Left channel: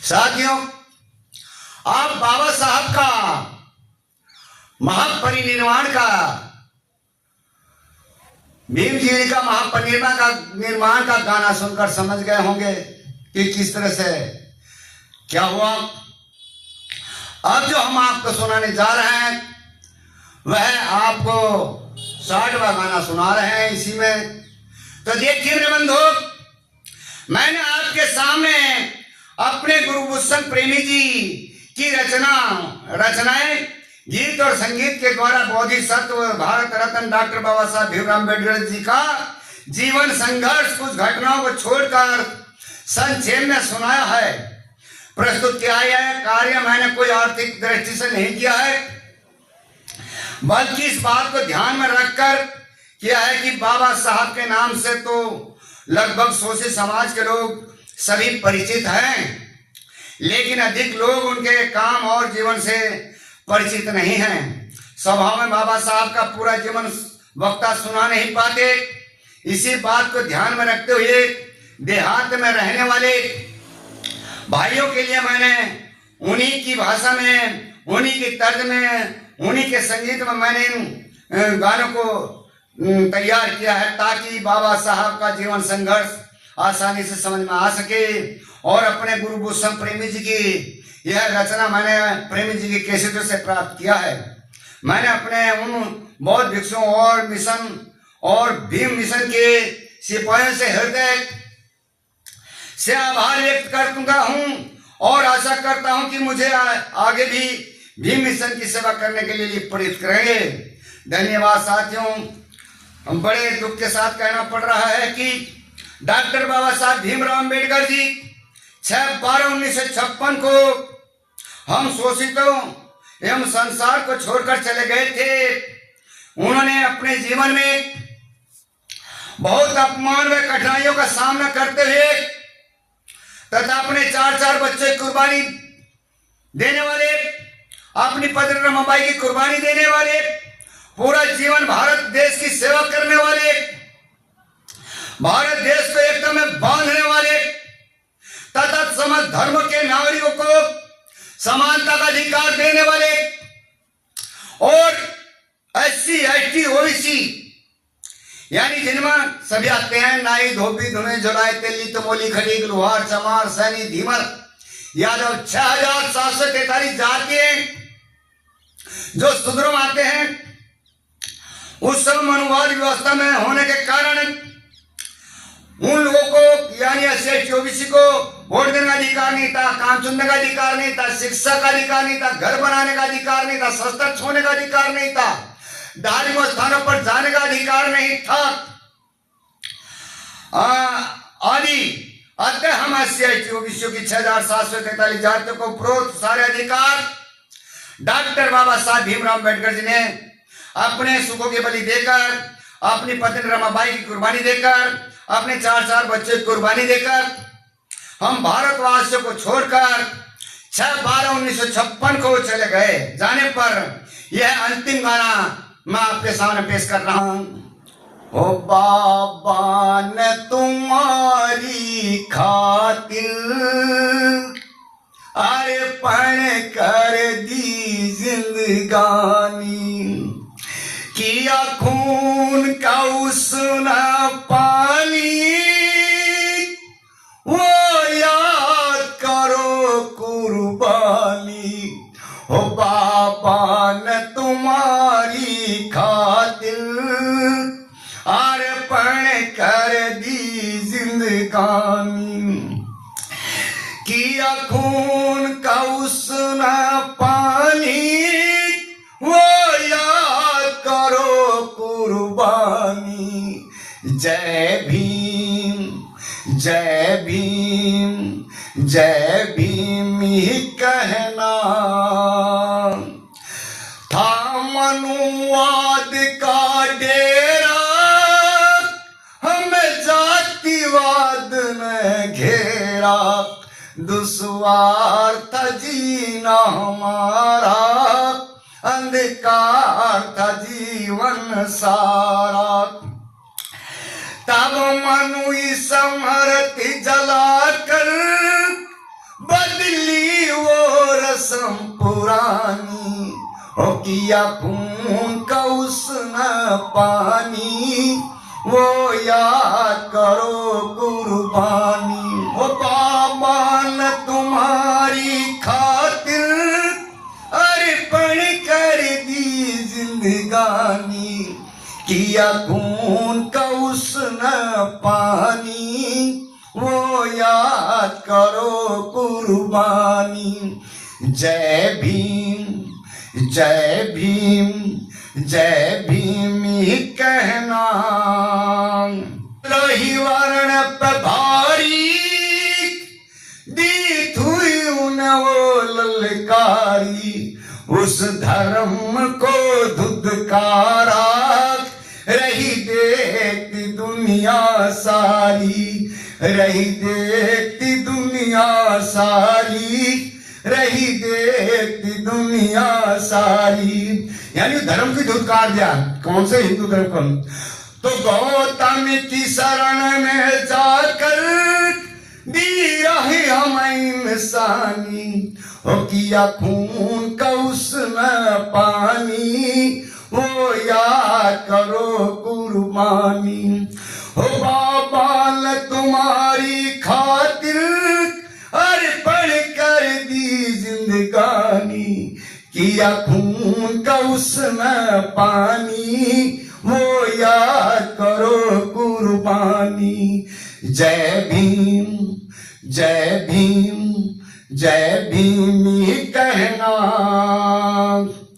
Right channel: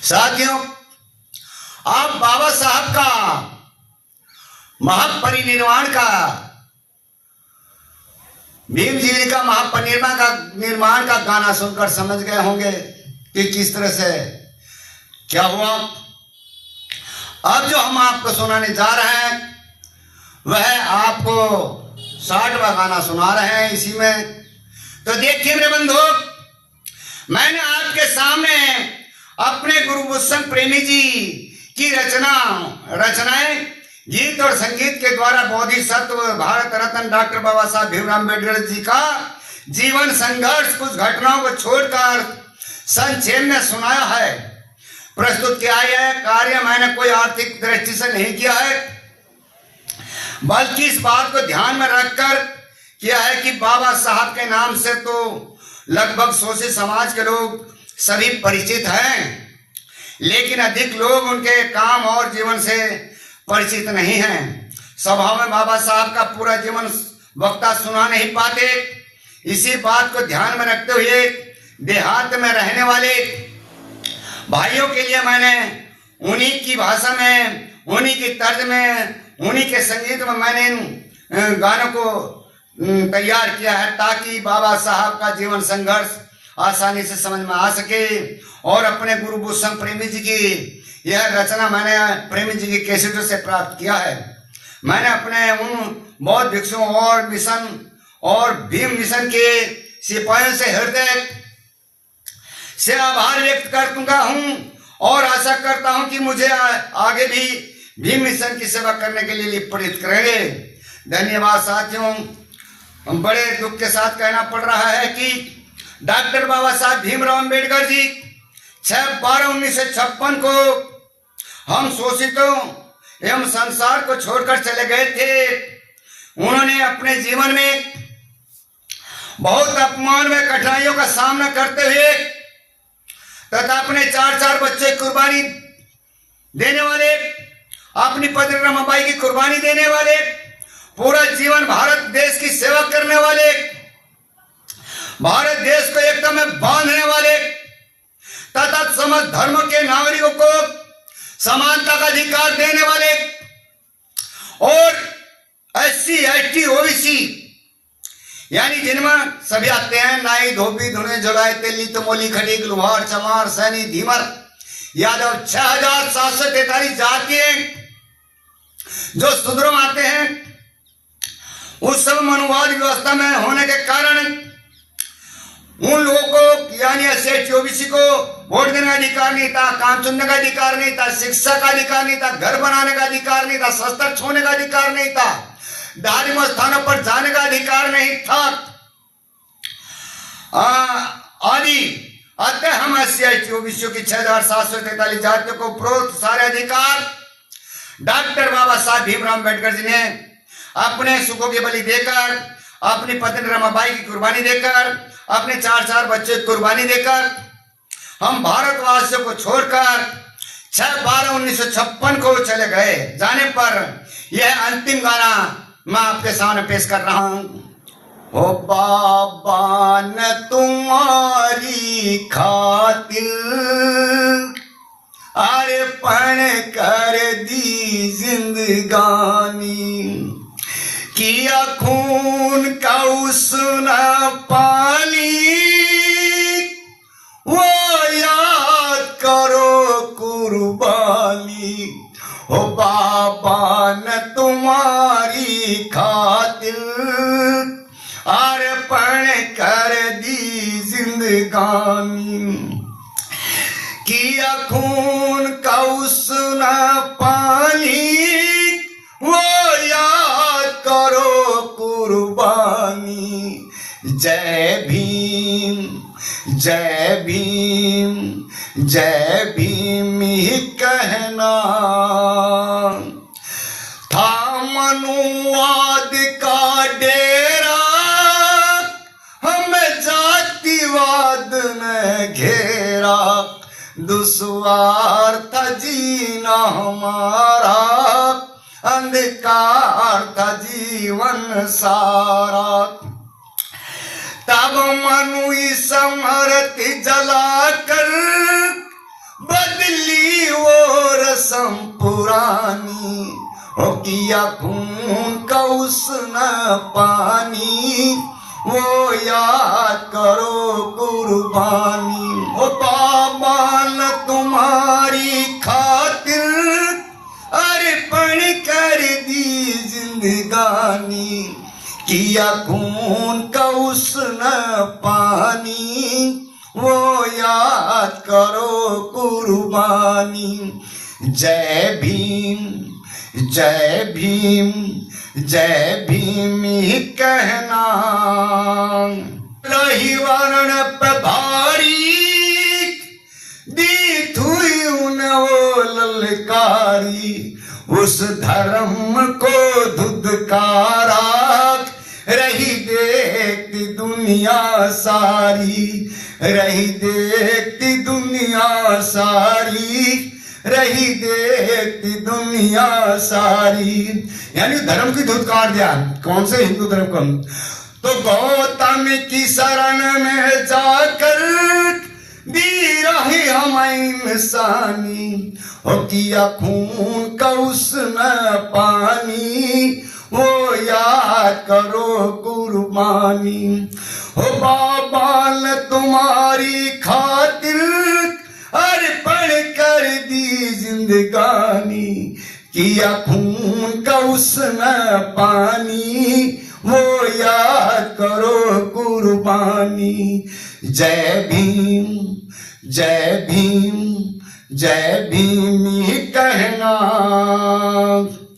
साथियों, आप बाबा साहब का महापरिनिर्वाण का, भीम जी का महापरिनिर्वाण का गाना सुनकर समझ गए होंगे कि किस तरह से क्या हुआ। अब जो हम आपको सुनाने जा रहे हैं वह आपको 60वां गाना सुना रहे हैं इसी में। तो देखिए रे बंधु, मैंने आपके सामने अपने गुरु भूषण प्रेमी जी की रचनाएं गीत और संगीत के द्वारा बोधिसत्व भारत रत्न डॉक्टर बाबा साहब भीमराव अम्बेडकर जी का जीवन संघर्ष कुछ घटनाओं को छोड़कर संक्षेप में सुनाया है, प्रस्तुत किया है। यह कार्य मैंने कोई आर्थिक दृष्टि से नहीं किया है, बल्कि इस बात को ध्यान में रखकर किया है कि बाबा साहब के नाम से तो लगभग शोषित समाज के लोग सभी परिचित हैं, लेकिन अधिक लोग उनके काम और जीवन से परिचित नहीं हैं। सभा में बाबा साहब का पूरा जीवन वक्ता सुना नहीं पाते। इसी बात को ध्यान में रखते हुए देहात में रहने वाले भाइयों के लिए मैंने उन्हीं की भाषा में, उन्हीं की तर्ज में, उन्हीं के संगीत में मैंने इन गानों को तैयार किया है, ताकि बाबा साहब का जीवन संघर्ष आसानी से समझ में आ सके। और अपने गुरु भूषण प्रेमी जी की यह रचना मैंने प्रेमी जी की कैसेटों से प्राप्त किया है। मैंने अपने उन बौद्ध भिक्षुओं और मिशन और भीम मिशन के सिपाहियों से हृदय से आभार व्यक्त करता हूं और आशा करता हूं कि मुझे आगे भी भीम मिशन की सेवा करने के लिए प्रेरित करेंगे। धन्यवाद साथियों। बड़े दुख के साथ कहना पड़ रहा है कि डॉक्टर बाबा साहब भीमराव अम्बेडकर जी 6/12/1956 को हम शोषितों एवं संसार को छोड़कर चले गए थे। उन्होंने अपने जीवन में बहुत अपमान व कठिनाइयों का सामना करते हुए तथा अपने 4 बच्चे कुर्बानी देने वाले, अपनी पत्नी रमाबाई की कुर्बानी देने वाले, पूरा जीवन भारत देश की सेवा करने वाले, भारत देश को एकता में बांधने वाले तथा समस्त धर्मों के नागरिकों को समानता का अधिकार देने वाले और SC ST OBC यानी जिनमें सभी आते हैं, नाई धोबी धुने जुड़ाए तेली तमोली खड़ीग लुहार चमार सैनी धीमर यादव 6743 जाति जो सुधरों आते हैं। उस सब मनुवाद व्यवस्था में होने के कारण उन लोगों को यानी SC ST OBC को वोट देने का अधिकार नहीं था, काम चुनने का अधिकार नहीं था, शिक्षा का अधिकार नहीं था, घर बनाने का अधिकार नहीं था, शस्त्र छूने का अधिकार नहीं था, धार्मिक स्थानों पर जाने का अधिकार नहीं था आदि। अतः हम SC ST OBC की 6743 जातियों को उपरोक्त सारे अधिकार डॉक्टर बाबा साहब भीमराव अम्बेडकर जी ने अपने सुखों की बलि देकर, अपनी पत्नी रमाबाई की कुर्बानी देकर, अपने 4 बच्चे की कुर्बानी देकर हम भारतवासियों को छोड़कर 6/12/1956 को चले गए। जाने पर यह अंतिम गाना मैं आपके सामने पेश कर रहा हूं। ओ बाबा ने तुम्हारी खातिर अर्पण कर दी जिंदगानी, किया खून का उसना पानी, वो याद करो कुर्बानी। हो बाबा ने तुम्हारी खातिर अर्पण कर दी जिंदगानी, किया खून का उसना पानी, वो याद करो कुर्बानी। जय भीम जय भीम जय भीम ही कहना था मनुवाद का डेरा, हमें जातिवाद ने घेरा, दुश्वार था जीना हमारा, अंधकार था जीवन सारा। तब मनु समृति जलाकर बदल किया खून का उसने पानी, वो याद करो कुर्बानी। ओ बाबा न तुम्हारी खातिर अर्पण कर दी जिंदगानी, किया खून का उसने पानी, वो याद करो कुर्बानी। जय भीम जय भीम जय भीम ही कहना, रही वर्ण पे भारी दी थुई उन्हें वो ललकारी, उस धर्म को धुधकारा रही देखती दुनिया सारी, रही देखती दुनिया सारी, रही देखती दुनिया सारी। यानी धर्म की धुतकार दिया। कौन से हिंदू धर्म को? तो गौतम की शरण में जाकर दी रही हम इंसानी, हो किया खून का उसने पानी, वो याद करो कुर्बानी। हो बाबा ने तुम्हारी खातिर अर्पण कर दी जिंदगानी, किया खून का उसने पानी, वो याद करो कुर्बानी। जय भीम जय भीम जय भीम ही कहना।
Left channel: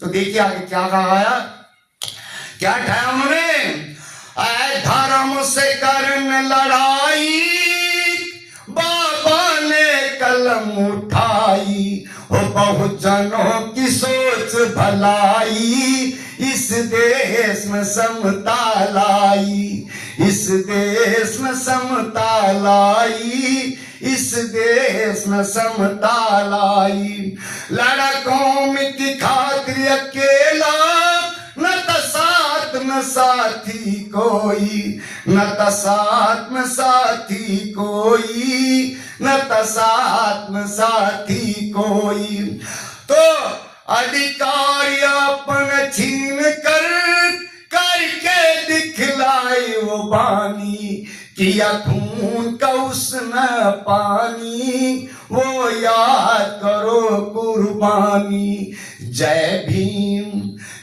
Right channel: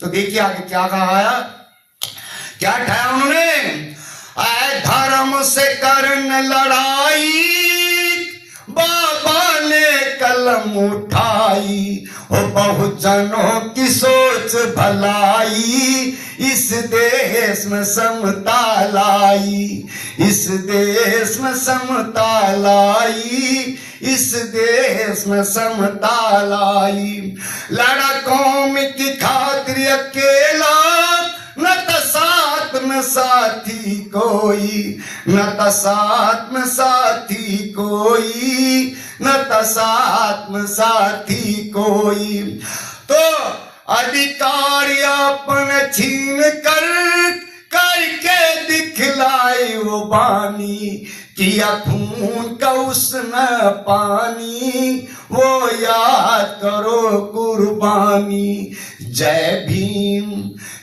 तो देखिए आगे क्या कहा है, क्या कहा उन्होंने, धर्म से करने लड़ाई बाबा ने कलम उठाई, हो बहुजनों की सोच भलाई, इस देश में समता लाई, इस देश में समता लाई, इस देश में समता लाई। लड़ा कौम की खातिर अकेला, न तो साथ में साथी कोई, न तो साथ में साथी कोई, न तो साथ में साथी कोई। तो अधिकार अपन छीन कर करके दिखलाई वो बानी, किया खून का उसने पानी, वो याद करो कुर्बानी। जय भीम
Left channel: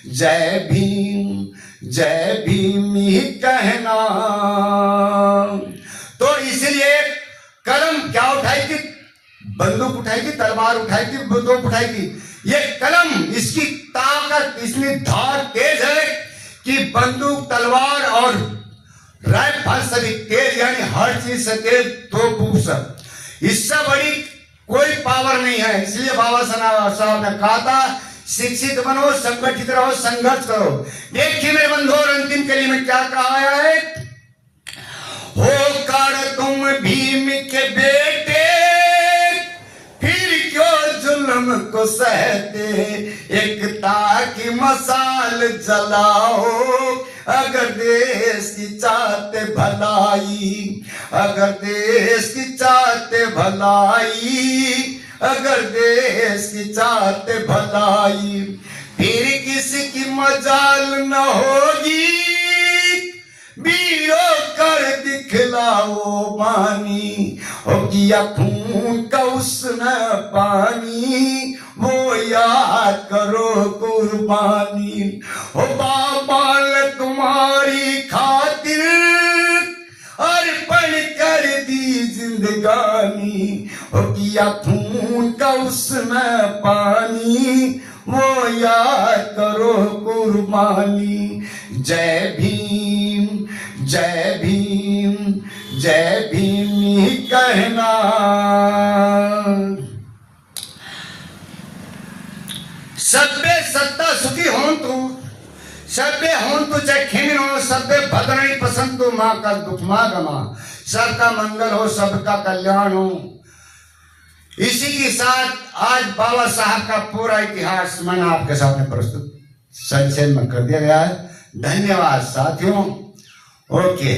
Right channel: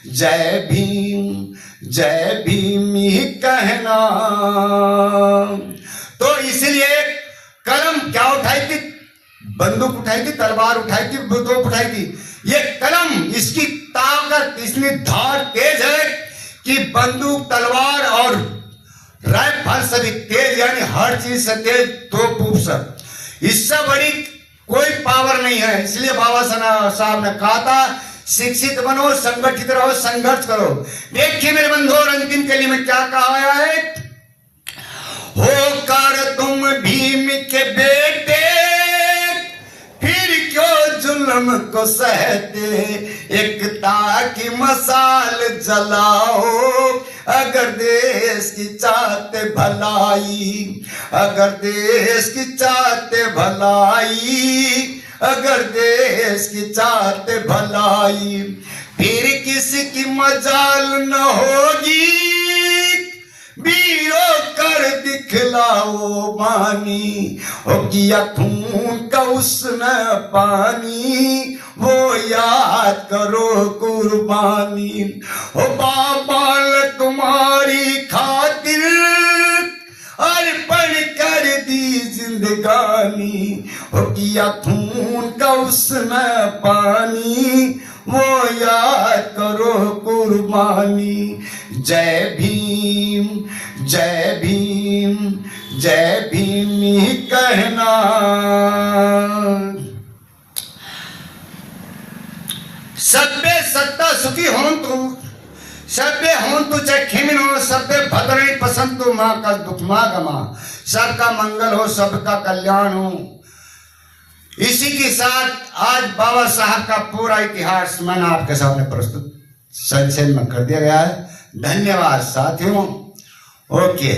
जय भीम जय भीम ही कहना। तो इसलिए कलम क्या उठाई थी, बंदूक उठाई थी, तलवार उठाई थी, बंदूक उठाई थी। ये कलम, इसकी ताकत, इसमें धार तेज है कि बंदूक तलवार और राइफल से भी तेज, यानी हर चीज से तेज, तोप से। इससे बड़ी कोई पावर नहीं है। इसलिए बाबा साहब ने कहा था, शिक्षित बनो, संगठित रहो, संघर्ष करो। देखिए मेरे बंधु, और अंतिम कली में क्या कहा गया है, होकर तुम भीम के बेटे फिर क्यों जुल्म को सहते, एकता की मसाल जलाओ, अगर देश की चाहते भलाई, अगर देश की चाहते भलाई, अगर देश की चाहते भलाई, फिर किसी की मजाल न होगी, बीरो कर दिखलाओ बानी, हो किया खून का उसने पानी, वो याद करो कुर्बानी। हो बाबा ने तुम्हारी खातिर अर्पण कर दी जिंदगानी, हो किया खून का उसने पानी, वो याद करो कुर्बानी। जय भीम जय भीम जय भीम ही कहना। सभ्य सत्ता सुखी हों तुम, सभ्य हों तु चाहे खेमिन हो, सभ्य भद्रणी पसंद तो माँ का दुख माँ गमा, सबका मंगल हो, सबका कल्याण हो। इसी के साथ आज बाबा साहब का पूरा इतिहास मैंने आपके सामने प्रस्तुत संक्षेप में कर दिया गया है। धन्यवाद साथियों। ओके।